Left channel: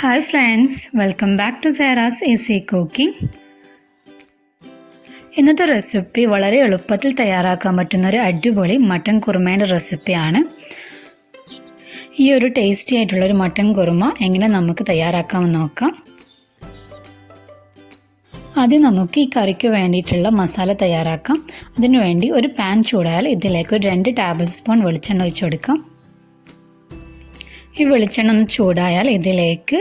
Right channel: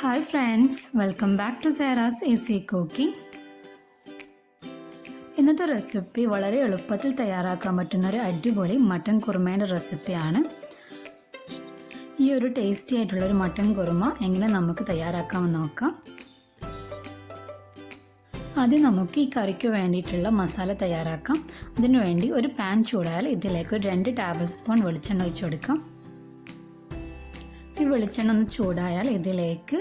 Hi friends, welcome back to Sarah's Easy Cooking. ഇന്നത്തെ recipe വളരെ എളുപ്പത്തിൽ തയ്യാറാക്കാൻ പറ്റുന്ന ഒരു അടിപൊളി മട്ടൻ കുറുമയുടെ റെസിപ്പിയാണ്. ഈ ഒരു ടേസ്റ്റി ആയിട്ടുള്ള ഒരു മട്ടൻ കുറുമ എങ്ങനെ നമുക്ക് തയ്യാറാക്കാമെന്ന് നോക്കാം. ആദ്യം നമുക്ക് ഈ കറിക്ക് വേണ്ടിയിട്ടുള്ള മസാല തയ്യാറാക്കാം. അതിനുവേണ്ടി ഒരു പാൻ ചൂടായാൽ ഇതിലേക്ക് ഒരു 2 ടേബിൾ സ്പൂൺ വെളിച്ചെണ്ണ ഒഴിച്ചു കൊടുക്കാം. ഈ വെളിച്ചെണ്ണ ഒന്ന് ചൂടായാൽ ഇതിലേക്ക്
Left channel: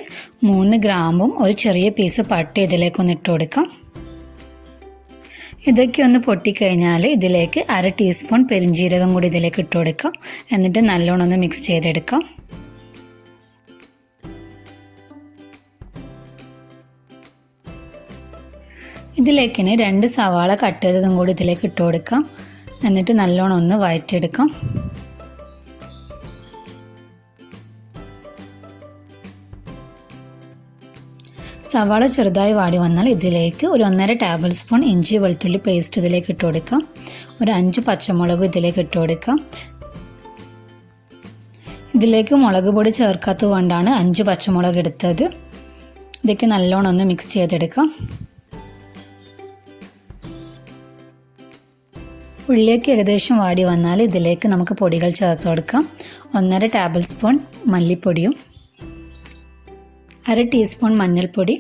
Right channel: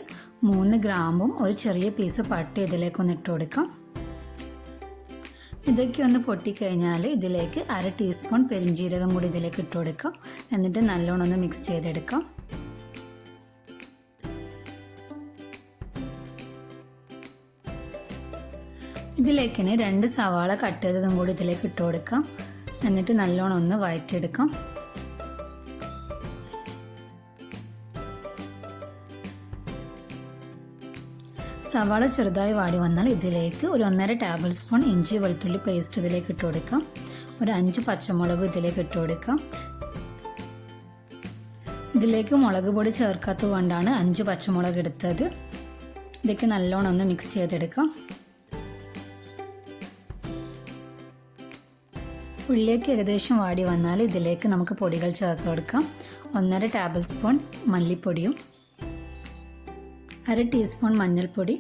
3 ഗ്രാമ്പും ഒരു ചെറിയ പീസ് പട്ട ഇതിലേക്കൊന്ന് ഇട്ട് കൊടുക്കാം. ഇതൊക്കെ ഒന്ന് പൊട്ടിക്കഴിഞ്ഞാൽ ഇതിലേക്ക് 1/2 ടീസ്പൂൺ പെരിഞ്ജീരകം കൂടി ഇതിലേക്ക് ഇട്ട് കൊടുക്കാം. എന്നിട്ട് നല്ലോണം ഒന്ന് മിക്സ് ചെയ്തെടുക്കാം. ഇതിലേക്ക് 2 സവാള കട്ട് ചെയ്തതും കൂടി ഇതിലേക്ക് ഇട്ട് കൊടുക്കാം. എന്നിട്ട് നല്ലോണം ഒന്ന് വഴറ്റിയെടുക്കാം. സവാള ചെറുതായി വാടി വന്നാൽ ഇതിലേക്ക് ഒരു 1.5 ടേബിൾ സ്പൂൺ ഇഞ്ചി വെളുത്തുള്ളി പേസ്റ്റ് ഇതിലേക്ക് ഇട്ട് കൊടുക്കാം. ഒരു 5 പച്ചമുളക് ഇതിലേക്ക് ഇട്ട് കൊടുക്കാം. ഇതിലേക്ക് മുളക് പൊടി ചേർക്കാത്തത് കൊണ്ടാണ് 5 പച്ചമുളക് എടുത്തത്. ഇതൊക്കെ നല്ലോണം ഒന്ന് മിക്സ് ചെയ്തെടുക്കാം. ഉള്ളിലേക്ക് ഏകദേശം വാടി വന്നാൽ ഇതിലേക്ക് നമുക്ക് പൊടികൾ ചേർത്ത് കൊടുക്കാം. 1.5 ടേബിൾ സ്പൂൺ മല്ലിപ്പൊടിയും 1/2 ടീസ്പൂൺ മഞ്ഞൾപ്പൊടി,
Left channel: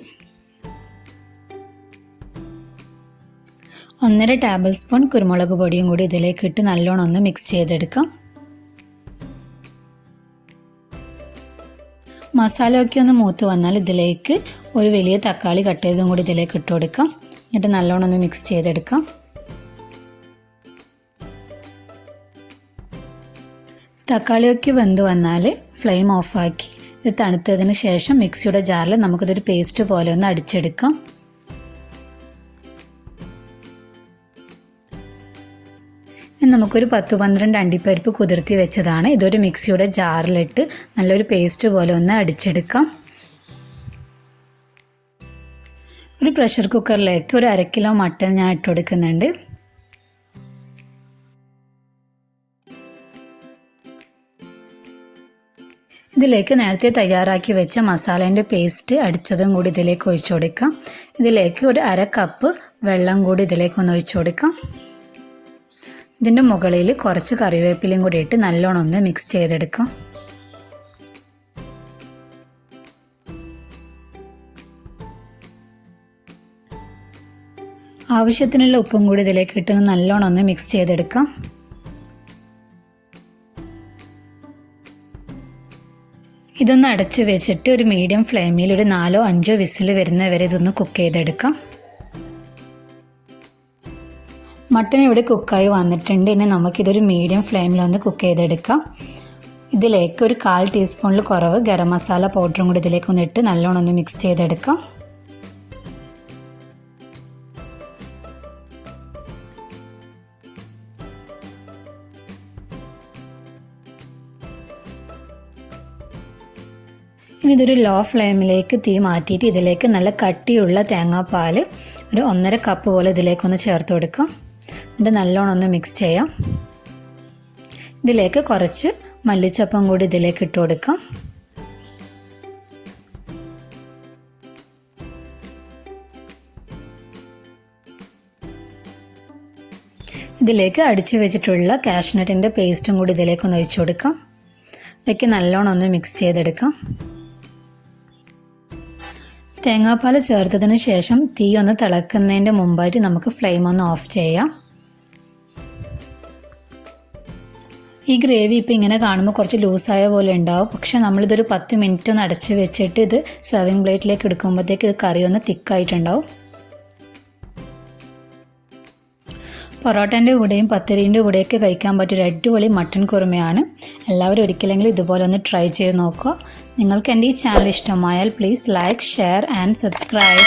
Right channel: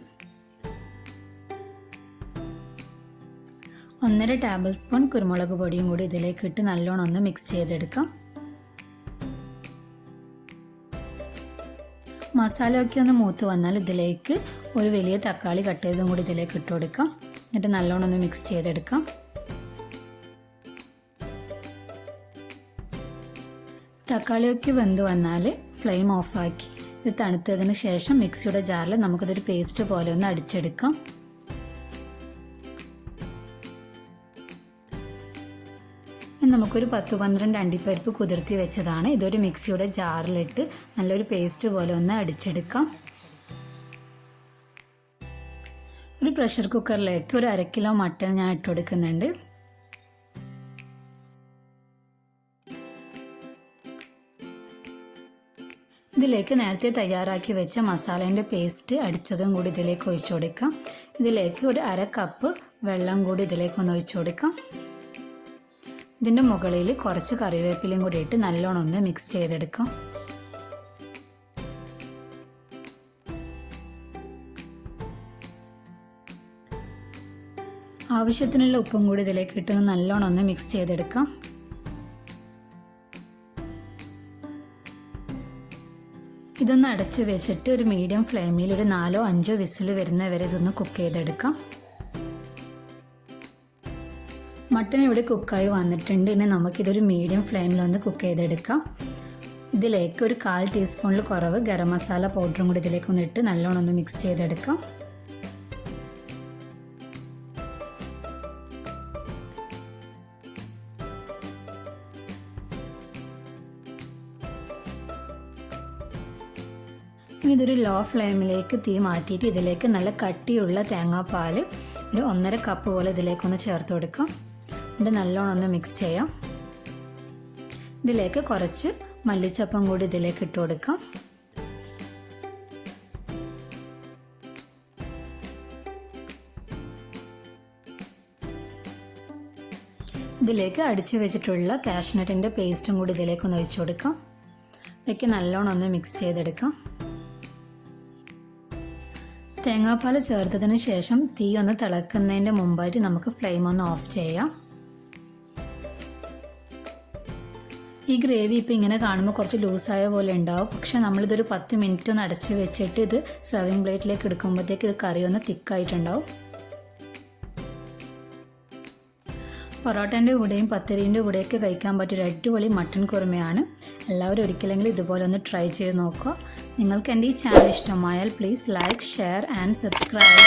1.5 ടേബിൾ സ്പൂൺ കുരുമുളക് പൊടിയും കൂടി ഇതിലേക്ക് ഇട്ട് നല്ലോണം ഒന്ന് മിക്സ് ചെയ്തെടുക്കാം. മസാലയൊക്കെ ഒന്ന് മൂത്ത് വന്നാൽ ഇതിലേക്ക് ഒരു വലിയ തക്കാളി കട്ട് ചെയ്തതും കൂടി ഇതിലേക്ക് ഇട്ട് കൊടുക്കാം. എന്നിട്ട് നല്ലോണം ഒന്ന് മിക്സ് ചെയ്തെടുക്കാം. തക്കാളിയൊക്കെ വെന്ത് വന്നാൽ ഫ്ലെയിം ഓഫാക്കി ഇത് തണുത്തതിന് ശേഷം മിക്സിയുടെ ജാറിൽ നമുക്കിതൊരു പേസ്റ്റ് പോലെ ഒന്ന് അടിച്ചെടുക്കാം. നമുക്കൊരു 10-12 അണ്ടിപ്പരിപ്പ് കുതിർത്തി വെച്ചതാണ്. ഇതൊരു മിക്സിയുടെ ജാറിലിട്ട് നല്ലൊരു പേസ്റ്റ് പോലെ ഒന്ന് അടിച്ചെടുക്കാം. ഒരു പ്രഷർ കുക്കറിലേക്ക് ഒരു 1/2 കിലോ മട്ടൻ ഞാൻ ഇട്ട് കൊടുക്കുന്നുണ്ട്. ഇതിലേക്ക് നേരത്തെ തയ്യാറാക്കി വെച്ച മസാലേൻ്റെ പേസ്റ്റ് അടിച്ചതും കൂടി ഇതിലേക്ക് ഒഴിച്ചു കൊടുക്കാം. ഇതിലേക്ക് ഒരു 1/2 കപ്പ് വെള്ളം കൂടി ഇതിലേക്കൊന്ന് ഒഴിച്ചു കൊടുക്കാം. ഇതിൻ്റെ മുകളിൽ കുറച്ച് കറിവേപ്പിലയും കൂടി ഇട്ട് നല്ലോണം ഒന്ന് മിക്സ് ചെയ്തെടുക്കാം. ആവശ്യത്തിനുള്ള ഉപ്പും കൂടി ഇതിലേക്ക് ഇട്ട് നല്ലോണം ഒന്ന് മിക്സ് ചെയ്തെടുക്കാം. ഇതൊന്ന് അടച്ച് വെച്ചിട്ട് ഒരു മീഡിയം ഫ്ലെയിമിൽ ഒരു 4-5 വിസിൽ വരുന്നവരെ ഇതൊന്ന് കുക്ക് ചെയ്തെടുക്കാം. മട്ടൻ ഇവിടെ കുക്കായി വന്നിട്ടുണ്ട്. ഇനി നമുക്കിതൊരു മീഡിയം ഫ്ലെയിമിലൊന്ന് കുക്ക് ചെയ്തെടുക്കാം. ഇതിലേക്ക് ഒരു 1/4 ടീസ്പൂണിൽ കുറവ് ഗരം മസാല പൗഡറും കൂടി ഇതിലേക്കൊന്ന് ഇട്ട് നല്ലോണം ഒന്ന് മിക്സ് ചെയ്തെടുക്കാം. ഇനി ഇതൊരു ലോ ഫ്ലെയിമിലേക്ക് തീ മാറ്റിയിട്ട് ഇതിലേക്ക് നല്ല കട്ടിയുള്ള തേങ്ങാപ്പാൽ ഒരു 1.5 കപ്പ് പോലെ ഇതിലേക്കൊന്ന് ചേർത്ത് കൊടുക്കാം. എന്നിട്ട് നല്ലോണം ഒന്ന് മിക്സ് ചെയ്യാം. ഇതിലേക്ക് കുറച്ച് മല്ലിച്ചപ്പം കൂടി ഇതിലേക്ക് ഇട്ട് കൊടുക്കാം. ഇതിലേക്ക് അടിച്ചു വെച്ചിട്ടുള്ള കാഷ്നട്ടിൻ്റെ പേസ്റ്റും കൂടി ഇതിലേക്കൊന്ന് ഒഴിച്ചു കൊടുക്കാം. ഇതൊക്കെ നല്ലോണം ഒന്ന് മിക്സ് ചെയ്തെടുക്കാം. തേങ്ങാപ്പാൽ ചേർത്തതിന് ശേഷം തീ ഒന്ന് തിളക്കുന്നതിൻ്റെ മുമ്പായിട്ട് നമുക്ക് ഫ്ലെയിം ഒന്ന് ഓഫ് ചെയ്യാം. ഈ ഗ്രേവി ഇപ്പോൾ ഇങ്ങനെ കാണുമ്പോൾ കുറച്ച് ലൂസായ പോലെ ഉണ്ടാവും. പക്ഷേ നമ്മളിതൊരു 10 മിനിറ്റ് ഒന്ന് അടച്ച് വെച്ചിട്ട് ഇത് സെർവിങ് പ്ലേറ്റിലേക്ക് എടുക്കുമ്പോഴത്തേക്ക് ഇത് കറി ഒന്ന് തിക്കായിട്ടുണ്ടാവും. പൊറോട്ടേൻ്റെ കൂടെയും പത്തിരീൻ്റെ കൂടെയൊക്കെ കഴിക്കാൻ പറ്റിയൊരു അടിപൊളി മട്ടൻ കുറുമയാണ്. എല്ലാവരും ഒരിക്കലെങ്കിലും ഇതുപോലെ ഒന്ന് ട്രൈ ചെയ്ത് നോക്കുക. നിങ്ങൾക്ക് എൻ്റെ ഈ ചാനൽ ഇഷ്ടമായാൽ please like, share and subscribe.